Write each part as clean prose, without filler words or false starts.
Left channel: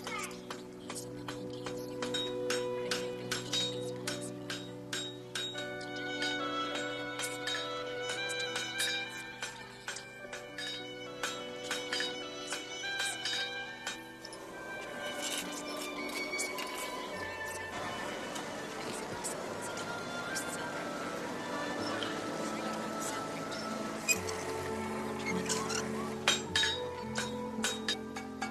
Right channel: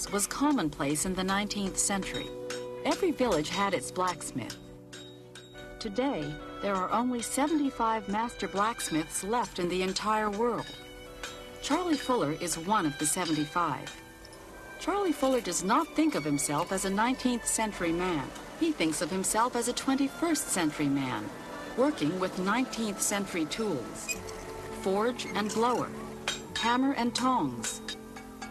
tongs was commonplace in the 19th century. Every village had its blacksmith. Today, there are only 75 master blacksmiths left in the entire world. Charlie Fuller is one of the 75. Charlie Fuller does not think of himself as a 19th century man. He thinks of himself as a 21st century man, working with 19th century tools. Forge and blower, hammer and tongs.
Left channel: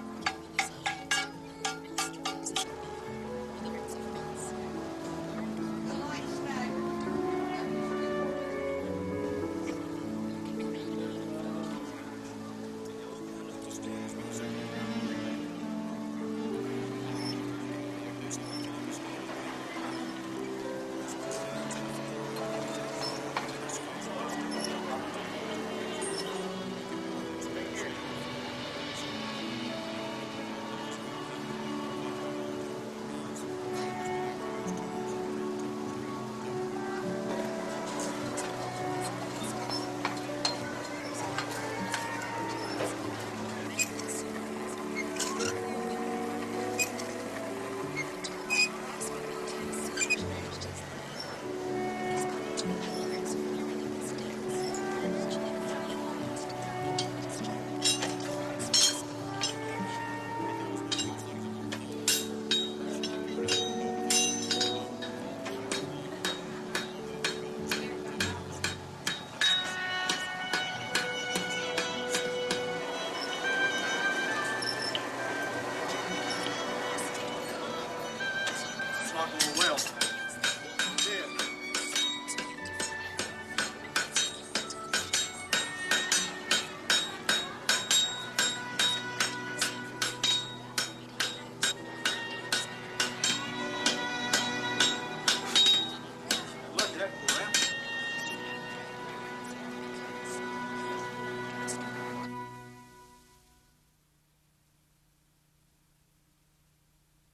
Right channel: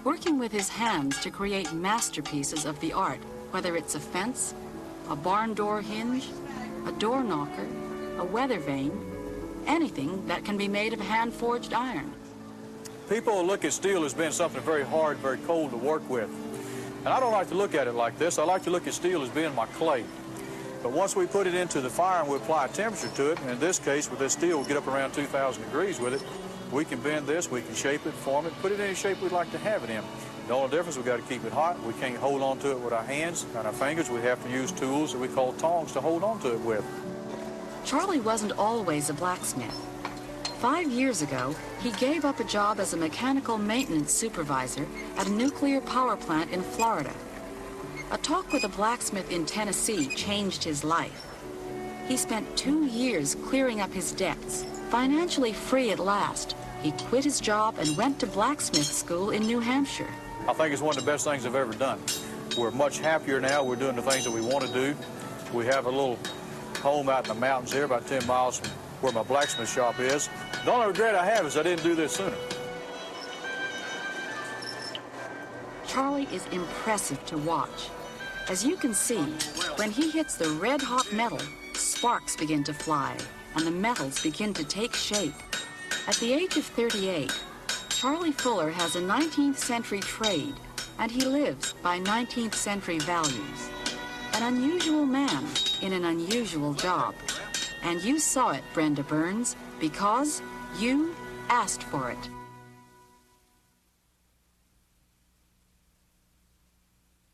Working with his hands to create masterpieces of the art, whether it's a fence, a barn door hinge, a door knocker, a weather vane, anything that can be made of hand-forged iron. People look at steel as being something very hard, very cold to work with. And I don't like to look at it like this. I like to look at steel as being my clay. But once we put it into the fire and we apply a temperature to it, and in this case with this steel, we'll get up around 2,000 degrees with it, we can bend this, we can shape it, form it, put it in any shape we'd like to have it in. The only difference, we've got to keep it hot. We can't hold on to it with our hands and our fingers. We have to use tools that we call tongs to hold on to it with. Charlie wasn't always a blacksmith. 5 years ago, he gave up a job as a mechanical maintenance supervisor at a nuclear power plant in Florida. A talk with a blacksmith in Tennessee changed his life. He spent 2 years clearing up his debts. Financially free at last, he quit his job and went to blacksmith school in New Hampshire. I think it's one of the best things I've ever done. We're much happier now. We're doing the things that we want to do. We have a little home out in the mountains here, about 10 miles from where my blacksmith shop is. The only regret I have is I didn't do this sooner. Charlie is impressive to watch. As you can see, when he hits the red-hot metal, sparks begin to fly, and the metals begin to take shape. At the age of 38, Charlie Fuller has a 19th century trade, and he lives by 19th century values. An unusual man in an unusual job. And you saw it, Brenda Burns, because you asked for it.